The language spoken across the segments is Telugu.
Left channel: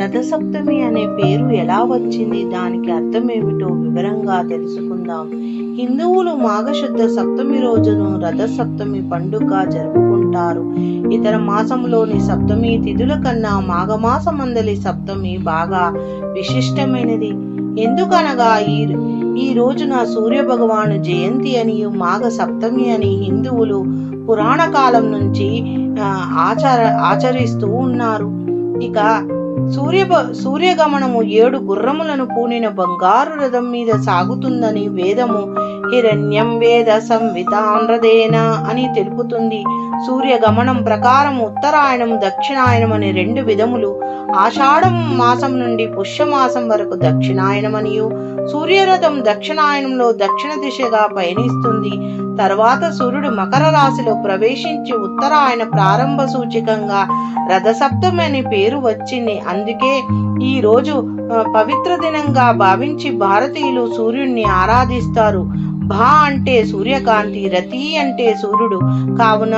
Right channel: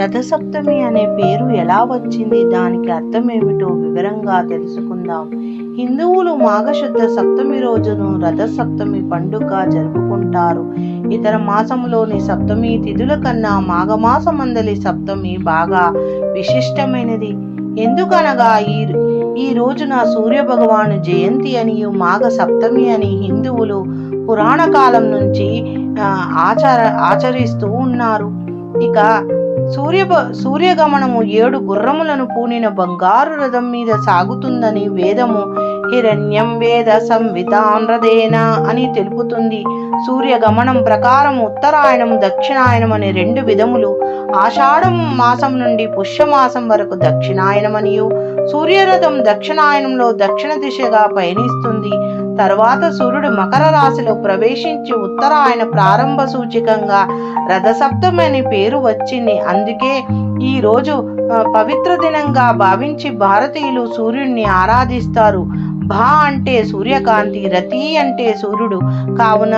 రథసప్తమి అనే పేరు ఎలా వచ్చింది? దానికి అర్థం ఏమిటో వివరంగా తెలుసుకుందాం. హిందువులు మాఘశుద్ధ సప్తమి రోజును రథసప్తమి పండుగ జరుపుకుంటారు. ఇతర మాసంలోని సప్తమి తిథుల కన్నా మాఘమాసమందలి సప్తమి బాగా విశిష్టమైనది. ఎందుకనగా ఈ ఈ రోజున సూర్య భగవాను జయంతి అని మాఘ సప్తమి అని హిందువులు పురాణ కాలం నుంచి ఆ, ఆచార ఆచరిస్తూ ఉన్నారు. ఇక సూర్య సూర్యగమనము ఏడు గుర్రములను పూనిన బంగారు రథం మీద సాగుతుందని వేదము. హిరణ్యం వేద సంవితాన్రదేన అని తెలుపుతుంది. సూర్యగమనం ప్రకారం ఉత్తరాయణం దక్షిణాయనం అని రెండు విధములు. ఆషాఢం మాసం నుండి పుష్యమాసం వరకు దక్షిణాయనమనియు సూర్యరథం దక్షిణాయనంలో దక్షిణ దిశగా పయనిస్తుంది. తర్వాత సూర్యుడు మకర రాశిలో ప్రవేశించి ఉత్తరాయణ ప్రారంభ సూచికంగా రథసప్తమి అని పేరు వచ్చింది. అందుకే ఈ రోజు పవిత్ర దినంగా భావించి భారతీయులు సూర్యుడిని ఆరాధిస్తారు. భా అంటే సూర్యకాంతి రతి అంటే సూర్యుడు. కావున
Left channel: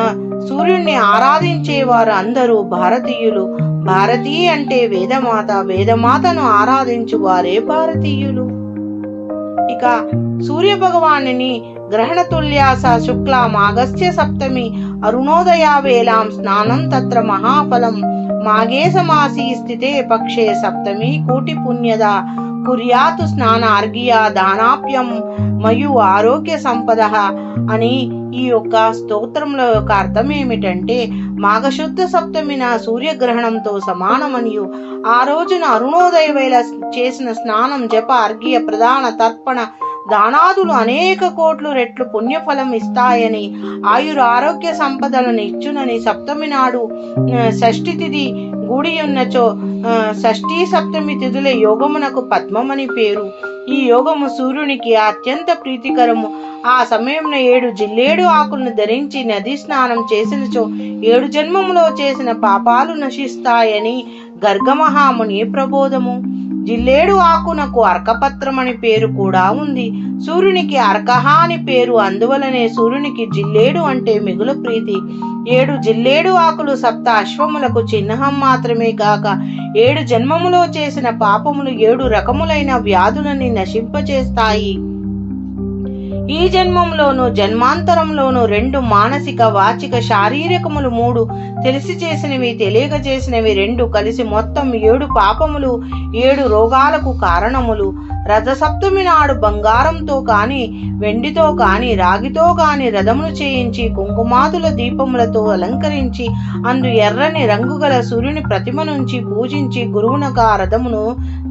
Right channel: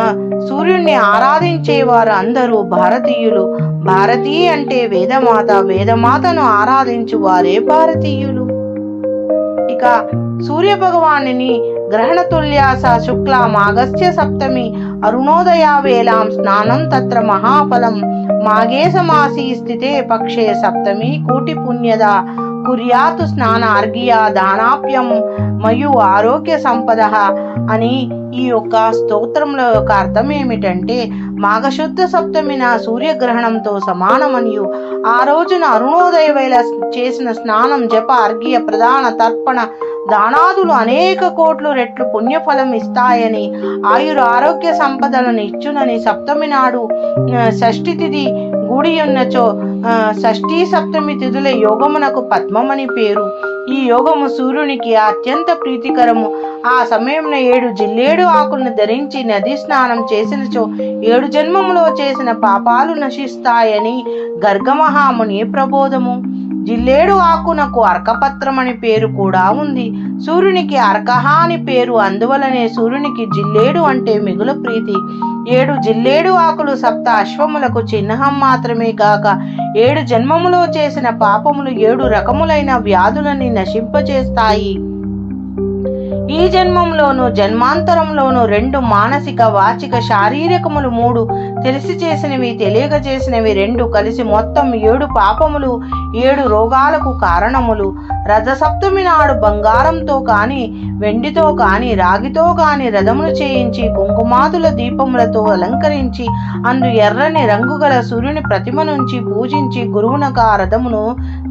సూర్యుడిని ఆరాధించే వారు అందరూ భారతీయులు. భారతీ అంటే వేదమాత వేదమాతను ఆరాధించు వారే భారతీయులు. ఇక సూర్య భగవానిని గ్రహణ తుల్యాస శుక్ల మాగస్య సప్తమి అరుణోదయ వేలాం స్నానం తత్ర మహాఫలం. మాఘే సమాసి స్థితే పక్షే సప్తమి కోటి పుణ్యద. కుర్యాతు స్నాన అర్ఘ్య దానాప్యం మయు ఆరోగ్య సంపద అని ఈ యొక్క స్తోత్రంలో యొక్క అర్థం ఏమిటంటే మాఘశుద్ధ సప్తమిన సూర్యగ్రహణంతో సమానమనియు. ఆ రోజున అరుణోదయ వేళ చేసిన స్నానం జప అర్ఘ్య ప్రధాన తర్పణ దానాదులు అనేక కోట్లు రెట్లు పుణ్యఫలం ఇస్తాయని ఆయుర ఆరోగ్య సంపదలను ఇచ్చునని సప్తమి నాడు షష్ఠి తిథి గుడి ఉన్నచో షష్ఠి షష్ఠీ సప్తమి తిథుల యోగమునకు పద్మమని పేరు. ఈ యోగము సూర్యునికి అత్యంత ప్రీతికరము. ఆ సమయంలో ఏడు జిల్లేడు ఆకులను ధరించి నది స్నానం చేసినచో ఏడు జన్మములో చేసిన పాపాలు నశిస్తాయని గర్గమహాముని ప్రబోధము. జిల్లేడు ఆకునకు అర్కపత్రం అని పేరు కూడా ఉంది. సూర్యునికి అర్కహ అని పేరు అందువలనే సూర్యునికి జిల్లేడు అంటే మిగులు ప్రీతి. ఏడు జిల్లేడు ఆకులు సప్త అశ్వములకు చిహ్నం మాత్రమే కాక ఏడు జన్మములో చేసిన పాపములు ఏడు రకములైన వ్యాధులని నశింపచేస్తాయి. ఈ జన్మంలోను జన్మాంతరంలోను రెండు మానసిక వాచిక శారీరకములు మూడు తెలిసి చేసినవి తెలియక చేసినవి రెండు కలిసి మొత్తం ఏడు పాపములు ఏడు రోగాలకు కారణములు. రథసప్తమి నాడు బంగారంతో కాని వెండితో కాని రాగితో కాని రథమును చేయించి కుంకుమాదుల దీపములతో అలంకరించి అందు ఎర్రని రంగు గల సూర్యుని ప్రతిమ నుంచి పూజించి గురువునకు ఆ రథమును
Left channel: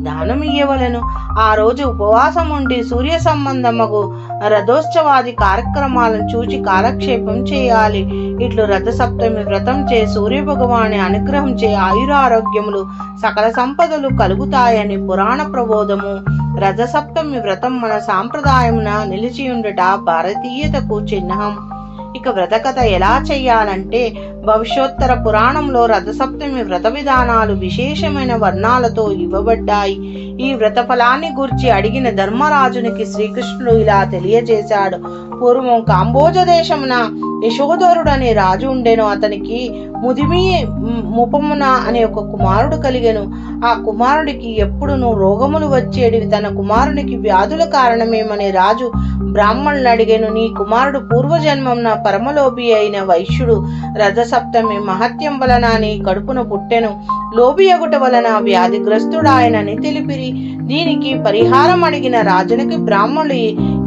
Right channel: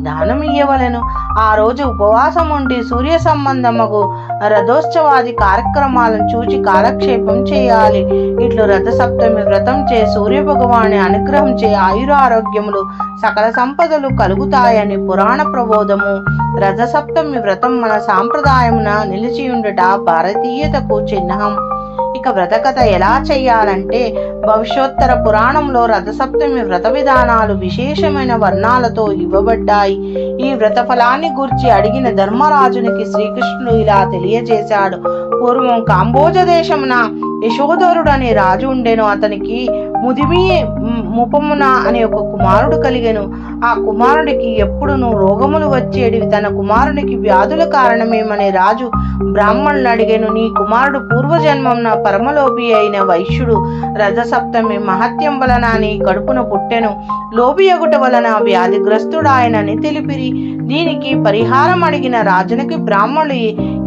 దానం ఇయ్యవలను ఆ రోజు ఉపవాసం ఉండి సూర్య సంబంధముకు రథోత్సవాది కార్యక్రమాలను చూచి కాలక్షేపం చేయాలి. ఇట్లు రథసప్తమి వ్రతం చే సూర్య భగవాని అనుగ్రహం చే ఆయురారోగ్యములు సకల సంపదలు కలుగుతాయని పురాణ ప్రబోధము. రథసప్తమి వ్రతం మన సాంప్రదాయమున నిలిచియుండట భారతీయతకు చిహ్నం. ఇక వ్రత కథ ఎలా చేయాలంటే భవిష్యోత్తర పురాణంలో రథసప్తమి వ్రత విధానాలు విశేషమైన వర్ణాలతో ఇవ్వబడ్డాయి. ఈ వ్రత ఫలాన్ని గురించి అడిగిన ధర్మరాజునికి శ్రీకృష్ణుడు ఇలా తెలియజేశాడు. పూర్వం కాంబోజ దేశమున యశోధరుడు అనే రాజు ఉండెను. అతనికి ముదిమి ముపమున అనే ఒక కుమారుడు కలిగెను. ఆ కుమారుడికి ఎప్పుడును రోగములు వచ్చేటివి. తన కుమారునికి వ్యాధుల కారణమేమని రాజు బ్రాహ్మణులు అడిగాను. నీ కుమారుడు పూర్వజన్మంన పరమలోభి అయిన వైశ్యుడు రథసప్తమి మహత్యం వలన నీ కడుపున పుట్టెను. లోభి ఎగుట వలన వ్యాధిగ్రస్తుడాయనని తెలిపిరి. దీనికి పరిహారం అడిగిన రాజునికి బ్రాహ్మణులు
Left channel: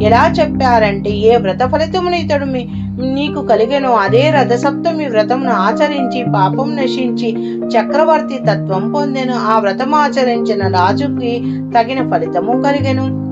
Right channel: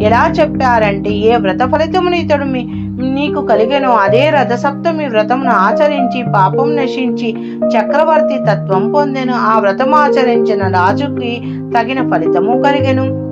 ఎలా చెప్పారంటే ఏ వ్రత ఫలితమును ఇతడు మీ- నీకు కలిగెను అదే రథసప్తమి వ్రతమును ఆచరించి పాపం నశించి చక్రవర్తి తత్వం పొందెను. ఆ వ్రతం ఆచరించిన రాజుకి తగిన ఫలితము కలిగెను.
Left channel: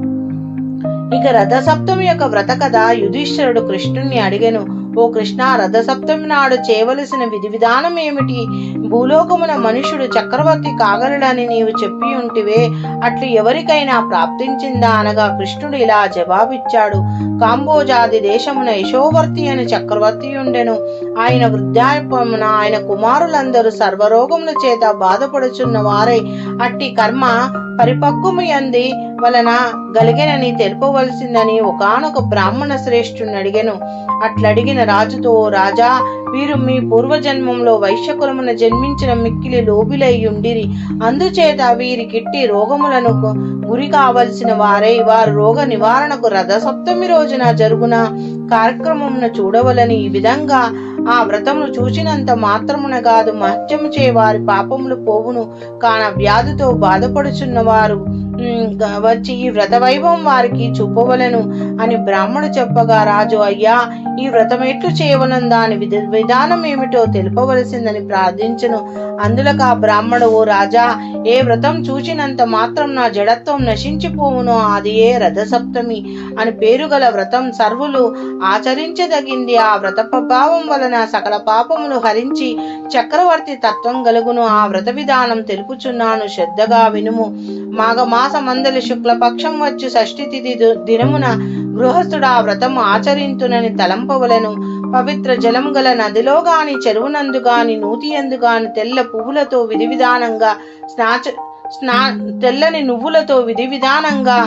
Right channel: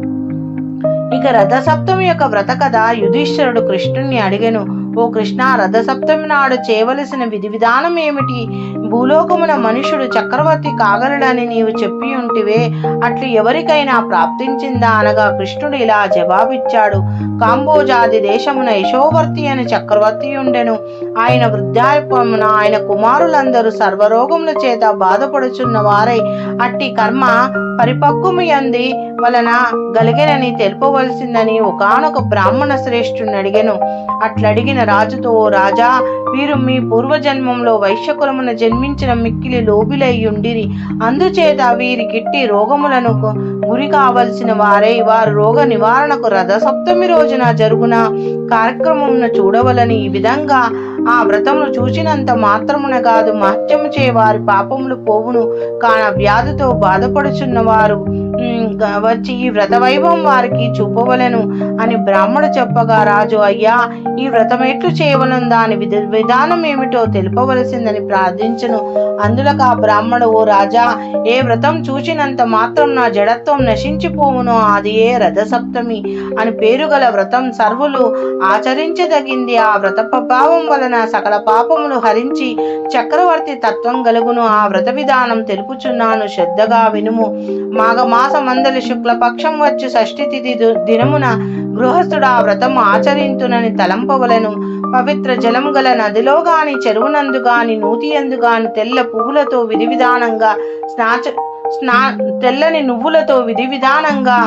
ఇక రథసప్తమి యొక్క వ్రత కథ యుధిష్ఠరుడు కృష్ణుణ్ణి అడిగెను. ఓ కృష్ణ రథసప్తమి నాడు చేయవలసిన విధి విధానం ఏమిటి? భూలోకమున మనుషుడు చక్రవర్తి కాగలడని నీవు చెప్పి ఉంటివే అట్లు ఎవరికైనా ప్రాప్తించిందా అనగా కృష్ణుడు ఇలా జవాబిచ్చాడు. కాంబోజాది దేశమున యశోవర్తి అని చక్రవర్తి ఉండెను. ఆయన వృద్ధాప్యమున ఆయన కుమారులందరూ సర్వరోగముల చేత బాధపడుచున్న వారై అట్టి కర్మ పరిపక్వము అంది వలన గలిగెనని తెలుపవలసిందని ఒకానొక బ్రాహ్మణ శ్రేష్ఠుని అడిగెను. అట్లడిగిన రాజుతో రాజా వీరు మీ పూర్వజన్మంలో వైశ్యకులమున జన్మించిన మిక్కిలి లోబిలై ఉండిరి అందుచేత వీరికిట్టి రోగములను గురి కావలసిన వారై వారు రోగ నివారణకు రథసప్తమి రోజున జరుగున కార్యక్రమమును చూడవలని ఈ విధంగా ఆ వ్రతమును చూచినంత మాత్రమున కాదు మహత్యము చే వారి పాపములు పోవును. కాన వ్యాధితో బాధపడుచున్న వారు వచ్చి ఈ వ్రత వైభవం వారికి చూపవలను అని బ్రాహ్మడు చెప్పగా రాజు అయ్యా ఈ వ్రతం ఎట్లు చేయవలను దాని విధానం ఏమిటో తెలుపవలసిందని ప్రార్థించను. అందులో ఆ బ్రాహ్మడు ఓ రాజా ఏ వ్రతం చూచినంత మాత్రం నా జడత్వం నశించిపోవును అది ఏ రథసప్తమి అని పేరు గల వ్రతం సర్వులు ఆచరించదగింది. ఆ వ్రత ప్రభావం వలన సకల పాపమును హరించి చక్రవర్తి తత్వం గలుగును. ఆ వ్రత విధానం తెలుపుచున్నాను శ్రద్ధగా వినుము. మాఘమాసమందలి శుక్లపక్షం వచ్చు షష్ఠి తిథి దినమున గృహస్థుడు ఆ వ్రతం ఆచరింతునని తలంపవలను. పవిత్ర జలం గల నదిలో గాని చెరువునందు గాని నూతియందు గాని తెల్ల పువ్వులతో విధి విధానంగా స్నాచ స్నా తెల్లని నువ్వులతో విధి విధానంగా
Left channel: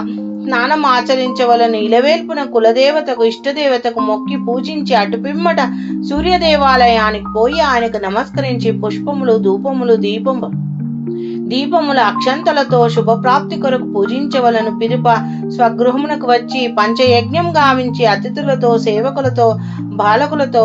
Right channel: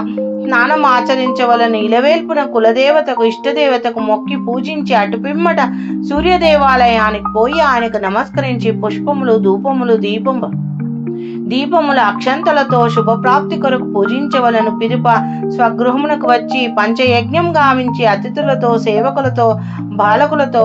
స్నానం ఆచరించవలను ఇలవేల్పున కులదేవతకు ఇష్టదేవతకు మొక్కి పూజించి అటుపిమ్మట సూర్య దేవాలయానికి పోయి ఆయనకు నమస్కరించి పుష్పములు ధూపములు దీపము దీపముల అక్షంతలతో శుభప్రాప్తి కొరకు పూజించవలను పిరుప స్వగృహమునకు వచ్చి పంచయజ్ఞం గావించి అతిథులతో సేవకులతో బాలకులతో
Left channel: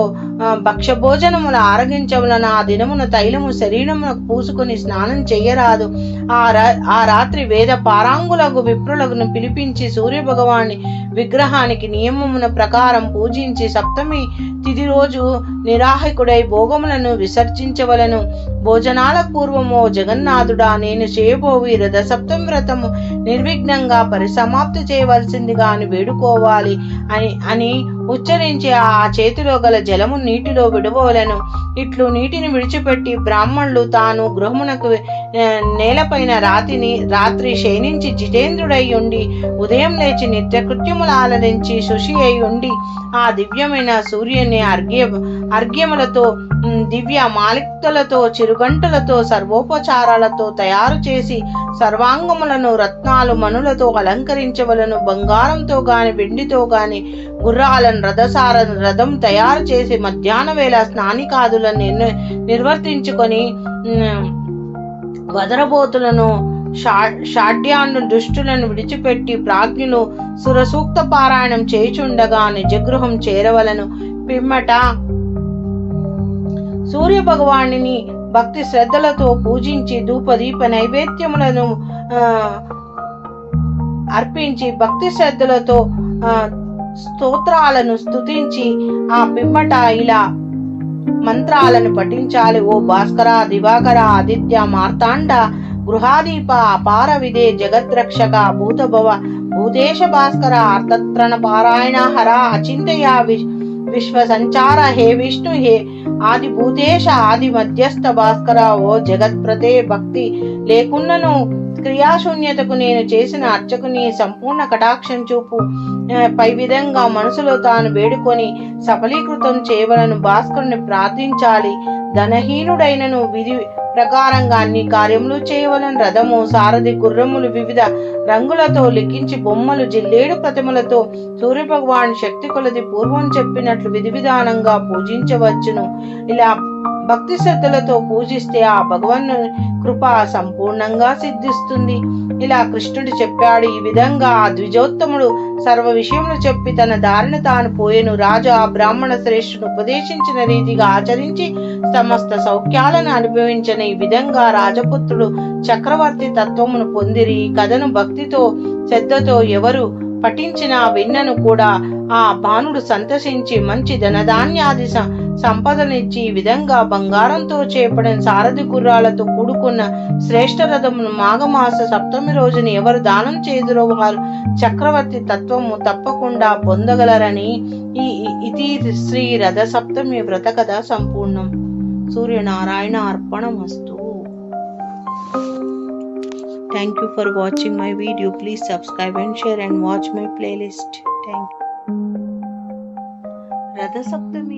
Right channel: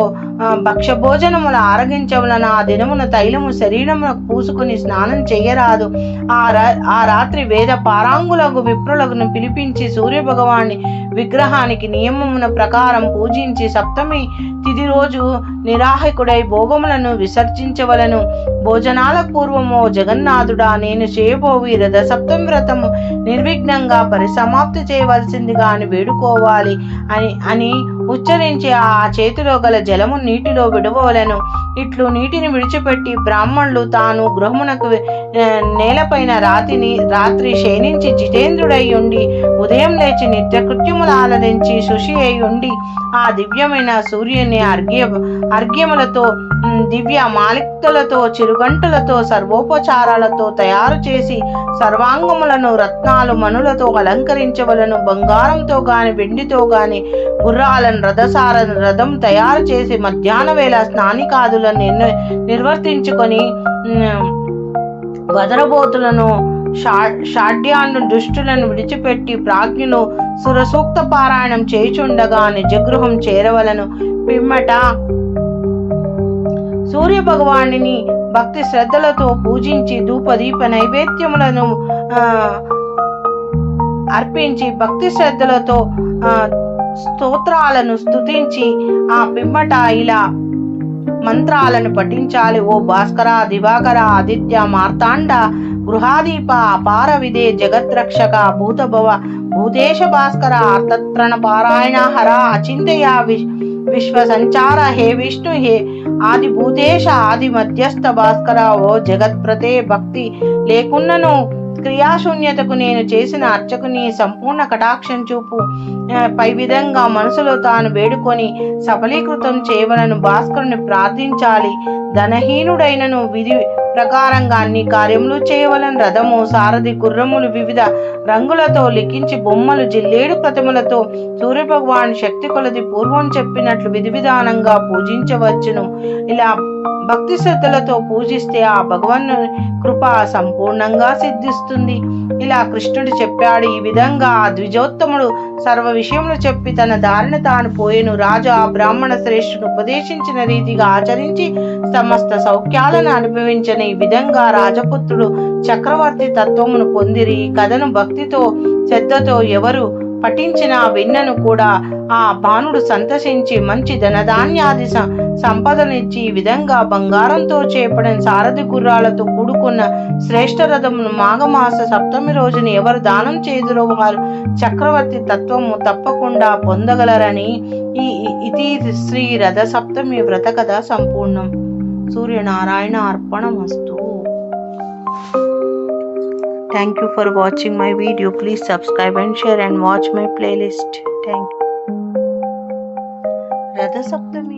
భక్షభోజనములు ఆరగించవలన ఆ దినమున తైలము శరీరమునకు పూసుకుని స్నానం చేయరాదు ఆ రా- ఆ రాత్రి వేద పారాంగులకు విప్రులకు పిలిపించి సూర్య భగవాని విగ్రహానికి నియమమున ప్రకారం పూజించి సప్తమి తిది రోజు నిరాహకుడై భోగములను విసర్జించవలను. భోజనాల పూర్వము జగన్నాథుడా నేను చేయబోవి రథ సప్తమి వ్రతము నిర్విఘ్నంగా పరిసమాప్తి చేయవలసిందిగా అని వేడుకోవాలి అని అని ఉచ్చరించి ఆ చేతిలో గల జలము నీటిలో విడవలను ఇట్లు నీటిని విడిచిపెట్టి బ్రాహ్మణులు తాను గృహమునకు నేలపైన రాతిని రాత్రి శయనించి జితేంద్రుడై ఉండి ఉదయం లేచి నిత్యకృత్యములు ఆలరించి శుషి అయి ఉండి ఆ దివ్యమైన సూర్యుని అర్ఘ్య అర్ఘ్యములతో దివ్య మాలిక్తులతో చిరుగంటులతో సర్వోపచారాలతో తయారు చేసి సర్వాంగములను రత్నాలు మనులతో అలంకరించవలను బంగారంతో గాని వెండితో గాని గుర్రాలను రథసార రథం తయారు చేసి మధ్యాహ్న వేళ స్నానికాదులను నిర్వర్తించుకొని వదరబోతులను షా- దుష్టులను విడిచిపెట్టి ప్రాజ్ఞులు సురసూక్త పారాయణం చేయుచుండగా నిజగృహం చేరవలను. పిమ్మట సూర్య భగవానిని భక్తి శ్రద్ధలతో పూజించి ధూపదీప నైవేద్యములను అర్పించి భక్తి శ్రద్ధలతో ఆ, స్తోత్రాలను స్తుతించి ఆ పిమ్మట ఇలా మంత్రాలను పఠించాలి. ఓ భాస్కర దివాకర ఆదిత్య మార్తాండ గృహాదీప అపార విదే జగద్రక్షక భూతభవ భూతేశ భాస్కర అర్థత్రణ పారాయణ హర అచింతయ విశ్వ సంచార హే విష్ణు హే ఆది భూతేశ ఆది మధ్యస్థ భాస్కర ఓ జగత్ప్రతే భక్తి లేకున్నను క్రియాశూన్యతకు నేను చేసిన అర్చకుని సంపూర్ణ కటాక్షం చూపు పై విధంగా మనసులో తాను వేడుకొని సఫలీకృతం చేయవలను భాస్కరుని ప్రార్థించాలి. ధనహీనుడైనను విధి ప్రకారంగా అన్ని కార్యములు చేయవలన రథము సారథి గుర్రములు వివిధ రంగులతో లిఖించి బొమ్మలు జిల్లేడు ప్రతిమలతో సూర్య భగవాన్ శక్తి కొలది పూర్వం చెప్పినట్లు విధి విధానంగా పూజించవచ్చును. ఇలా భక్తి శ్రద్ధలతో పూజిస్తే ఆ భగవన్ కృప సంపూర్ణంగా సిద్ధిస్తుంది. ఇలా కృష్ణుడు చెప్పాడు ఈ విధంగా ఆ ద్విజోత్తముడు సర్వ విషయములు చెప్పి తన దారిన తాను పోయెను. రాజు ఆ బ్రాహ్మణ శ్రేష్ఠును ఉపదేశించిన రీతిగా ఆచరించి సమస్త సౌఖ్యాలను అనుభవించిన ఈ విధంగా రాజపుత్రుడు చక్రవర్తి తత్వమును పొందిరి. ఈ కథను భక్తితో శ్రద్ధతో ఎవరు పఠించిన విన్నను కూడా ఆ బాణుడు సంతసించి మంచి ధనధాన్యాది సంపదనిచ్చి ఈ విధంగా బంగారంతో చేపడిన సారథి గుర్రాలతో కూడుకున్న శ్రేష్ఠ రథమును మాఘమాస సప్తమి రోజున ఎవరు దానం చేదురో వారు చక్రవర్తి తత్వము తప్పకుండా పొందగలరని ఈ- ఇది శ్రీ రథ సప్తమి వ్రత కథ సంపూర్ణం. Surya Narayan अर्पणमस्तु thank you for watching my video please subscribe and share and watch playlist thank you